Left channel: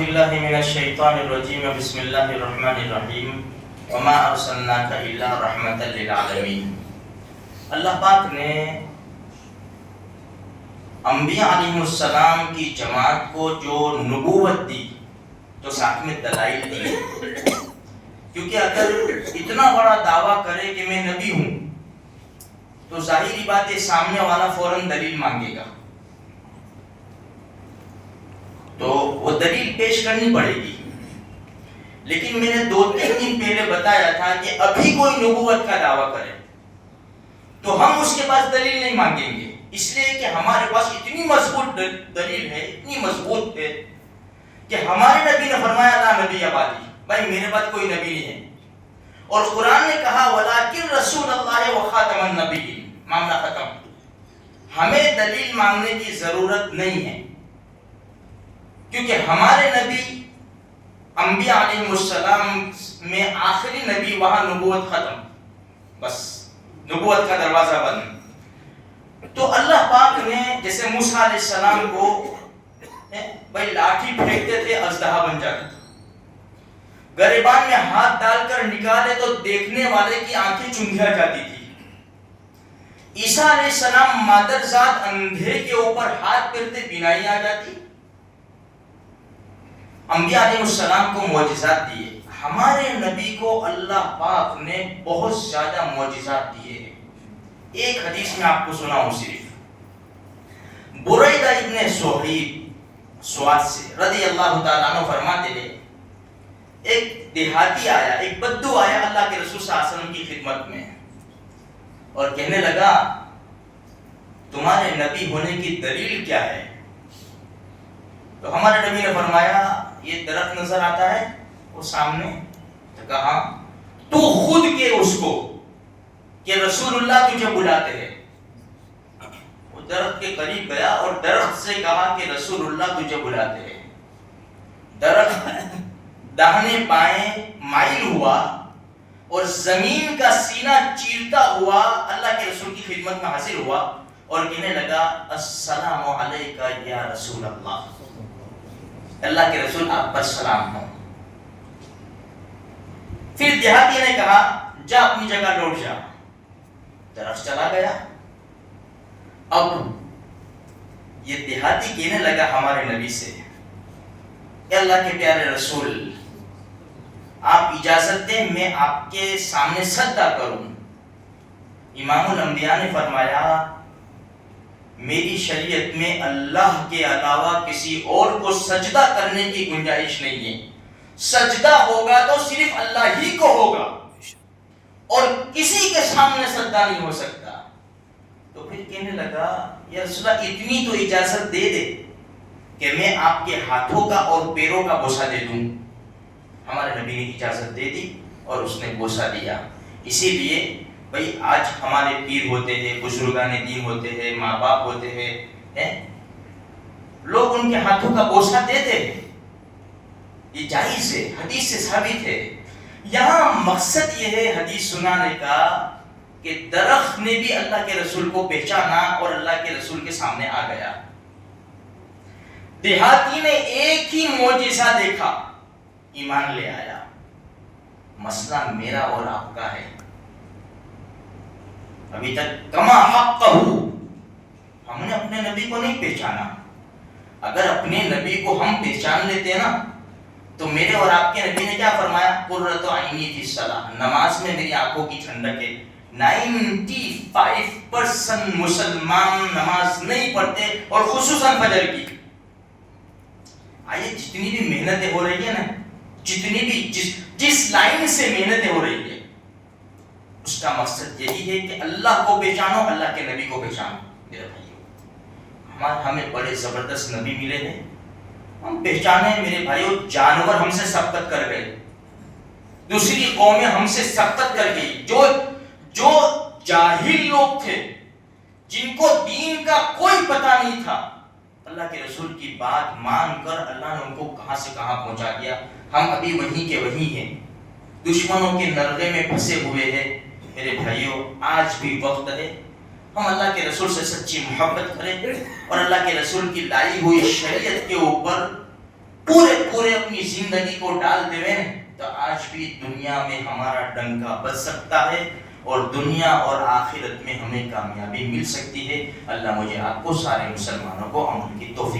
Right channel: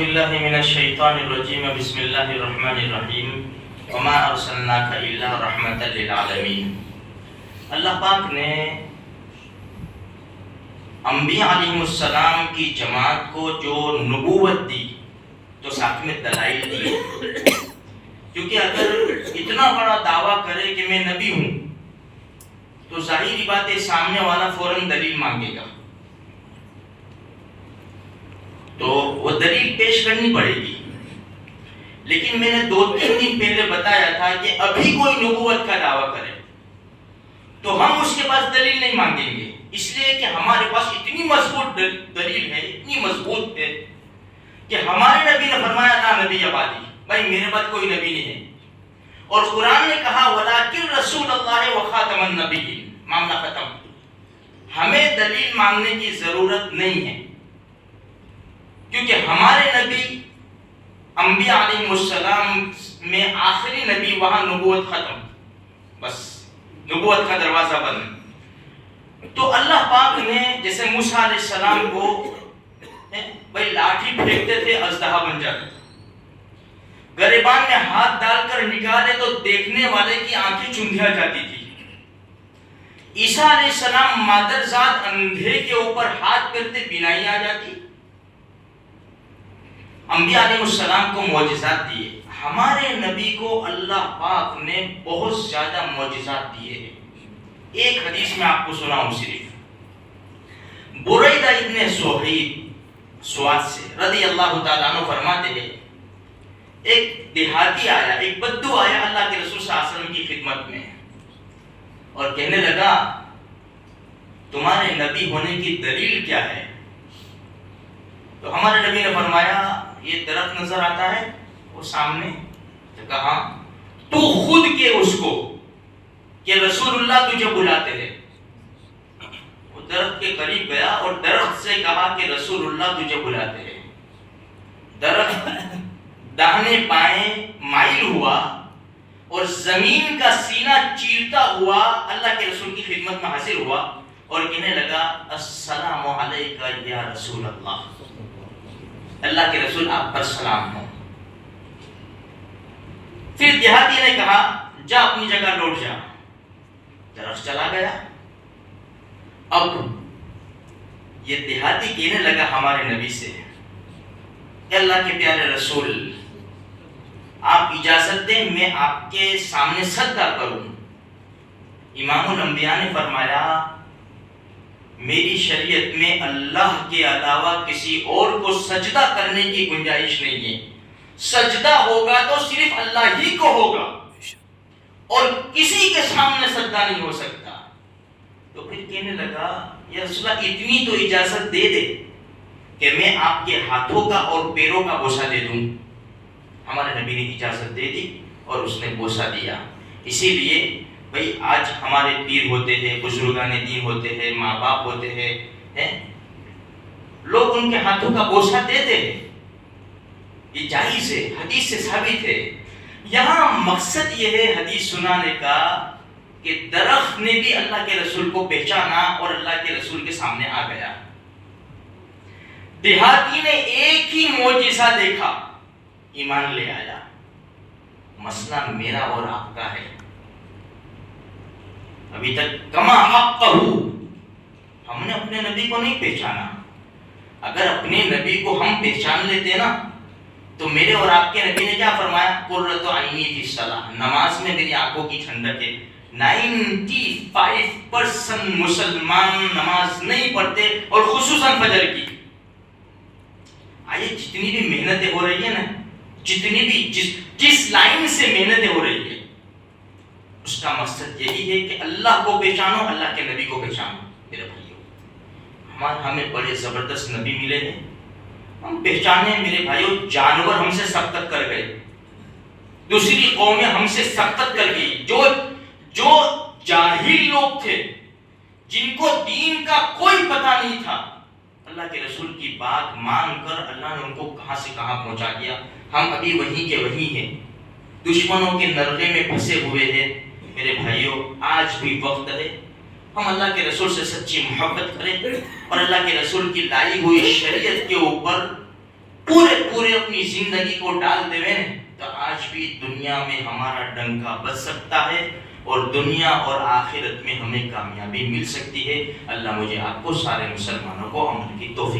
باللہ من الشیطان الرجیم بسم اللہ الرحمن الرحیم وما ارسلناک الا رحمتا للعالمین۔ اللہ پاک نے انبیاء علیہ السلام کی جماعت کو جو نبوت دی تو ساتھ میں دلائل دی، کیونکہ اگر اتنا بڑا دعویٰ کرے کہ میں نبی ہوں تو ظاہری بات ہے سامنے والا فوراً دلیل مانگے گا، تو وہ دلیل پیش کرنی پڑے گی۔ لیکن میں نے 2-3 دن پہلے بتایا تھا کہ ابھی کوئی نبوت کا دعویٰ کرے تو ہم اس کے پاس دلیل نہیں مانگیں گے، اس لیے کہ ہمارے پاس اتنی مضبوط دلیل ہے، اتنی مضبوط ہے کہ ہمارے نبی نے فرمایا لا نبی بعدی، بھائی میرے بعد کوئی نبی نہیں ہے، اور قرآن نے کہا وَلَٰكِن رسول اللہ وخاتم النبیین، معاملہ ختم۔ ہمیں دلیل مانگنے کی ضرورت نہیں ہے، کیونکہ ہمارے نبی انبیاء علیہ السلام میں آخری نبی، وہاں نبوت ختم، بس نبوت کا دروازہ بند۔ تو اللہ پاک نے جیسے موسیٰ علیہ السلام کو بھائی لاٹھی پھینکتے تھے اژدہا بن جاتا تھا، گریبان میں ہاتھ ڈال کر نکالے تو دیکھنے والے کی آنکھیں چندھیا جاتی تھی۔ عیسیٰ علیہ السلام مادرزاد اندھے کے اوپر ہاتھ کرتے بینائی آ جاتی۔ انبیاء علیہ السلام کو معجزات دیے، ہمارے نبی کو اللہ پاک نے بہت زیادہ معجزات دیے ہیں۔ ایک حدیث میں آپ کو سناؤں صرف، بریدہ ابن صہیب سواد سے رضی اللہ تعالیٰ عنہ فرماتے ہیں ایک دیہاتی آیا، ایک بدو آیا اللہ کے رسول صلی اللہ علیہ وسلم کی خدمت میں اور کہنے لگا تمہارے نبی ہونے کی دلیل کیا ہے؟ تو ہمارے نبی نے فرمایا یہ درخت نظر آتا ہے وہ سامنے، تو کہا تو خود کے اس کو کہ رسول اللہ تجھے بلاتے ہیں۔ وہ درخت کے قریب گیا اور درخت سے کہا کہ رسول اللہ تجھے بلاتے ہیں۔ درخت داہنے بائیں مائل ہوا اور زمین کا سینہ چیرتا ہوا اللہ کے رسول کی خدمت میں حاضر ہوا اور کہنے لگا السلام علیکہ یا رسول اللہ، اللہ کے رسول آپ پر سلام ہو۔ پھر دیہاتی نے کہا جا اپنی جگہ لوٹ جا، درخت چلا گیا۔ اب یہ دیہاتی کہنے لگا ہمارے نبی سے اے اللہ کے پیارے رسول آپ اجازت دیں میں آپ کے سامنے سجدہ کروں۔ امام الانبیاء نے فرمایا میری شریعت میں اللہ کے علاوہ کسی اور کو سجدہ کرنے کی گنجائش نہیں ہے، سجدہ ہوگا تو صرف اللہ ہی کو ہوگا اور کسی کے سامنے سجدہ نہیں ہو سکتا۔ تو پھر کہنے لگا یا رسول اللہ اتنی تو اجازت دے دے کہ میں آپ کے ہاتھوں کا اور پیروں کا بوسہ دے دوں۔ ہمارے نبی نے اجازت دے دی اور اس نے بوسہ دیا۔ اسی لیے بھئی آج ہمارے پیر ہوتے ہیں، بزرگان دین ہوتے ہیں، ماں باپ ہوتے ہیں، لوگ ان کے ہاتھوں کا بوسہ دیتے ہیں، یہ جائز ہے، حدیث سے ثابت ہے۔ یہاں مقصد یہ ہے حدیث سنانے کا کہ درخت نے بھی اللہ کے رسول کو پہچانا اور اللہ کے رسول کے سامنے آ گیا۔ دیہاتی نے ایک ہی معجزہ دیکھا، ایمان لے آیا۔ مسئلہ میرا اور آپ کا ہے، ابھی تک کما حقہ ہم نے اپنے نبی کو نہیں پہچانا۔ اگر اپنے نبی کو ہم پہچان لیتے نا تو میرے اور آپ کے نبی نے کیا فرمایا قرۃ عینی فی الصلاۃ، نماز میں میری آنکھوں کی ٹھنڈک ہے۔ 95% مسلمان نماز نہیں پڑھتے اور خصوصاً فجر کی۔ آئیے جتنی بھی محنتیں ہو رہی ہیں نا، جتنی بھی جس لائن سے محنتیں ہو رہی ہے اس کا مقصد یہی ہے کہ اللہ کو پہچانو، اللہ کے نبی کو پہچانو۔ میرے بھائیو ہمیں بڑے زبردست نبی ملے ہیں، ہم پہچانے میرے بھائیو، جانور ہم سے سبقت کر گئے، دوسری قومیں ہم سے سبقت کر گئی، جو جاہل لوگ تھے جن کو دین کا کوئی پتہ نہیں تھا، اللہ کے رسول کی بات مان کر اللہ نے ان کو کہاں سے کہاں پہنچا دیا۔ ہم ابھی وہیں کے وہیں ہیں، دشمنوں کے نرغے میں پھنسے ہوئے ہیں۔ میرے بھائیوں آج بھی وقت ہے ہم اللہ کے رسول سے سچی محبت کریں اور اللہ کے رسول کی لائی ہوئی شریعت کے اوپر پورے اپنی زندگی کو ڈال دے تو آج بھی دنیا میں ہمارا ڈنکا بج سکتا ہے اور دنیا اور آخرت میں ہمیں کامیابی مل سکتی ہے۔ اللہ مجھے آپ کو سارے مسلمانوں کو عمل کی توفیق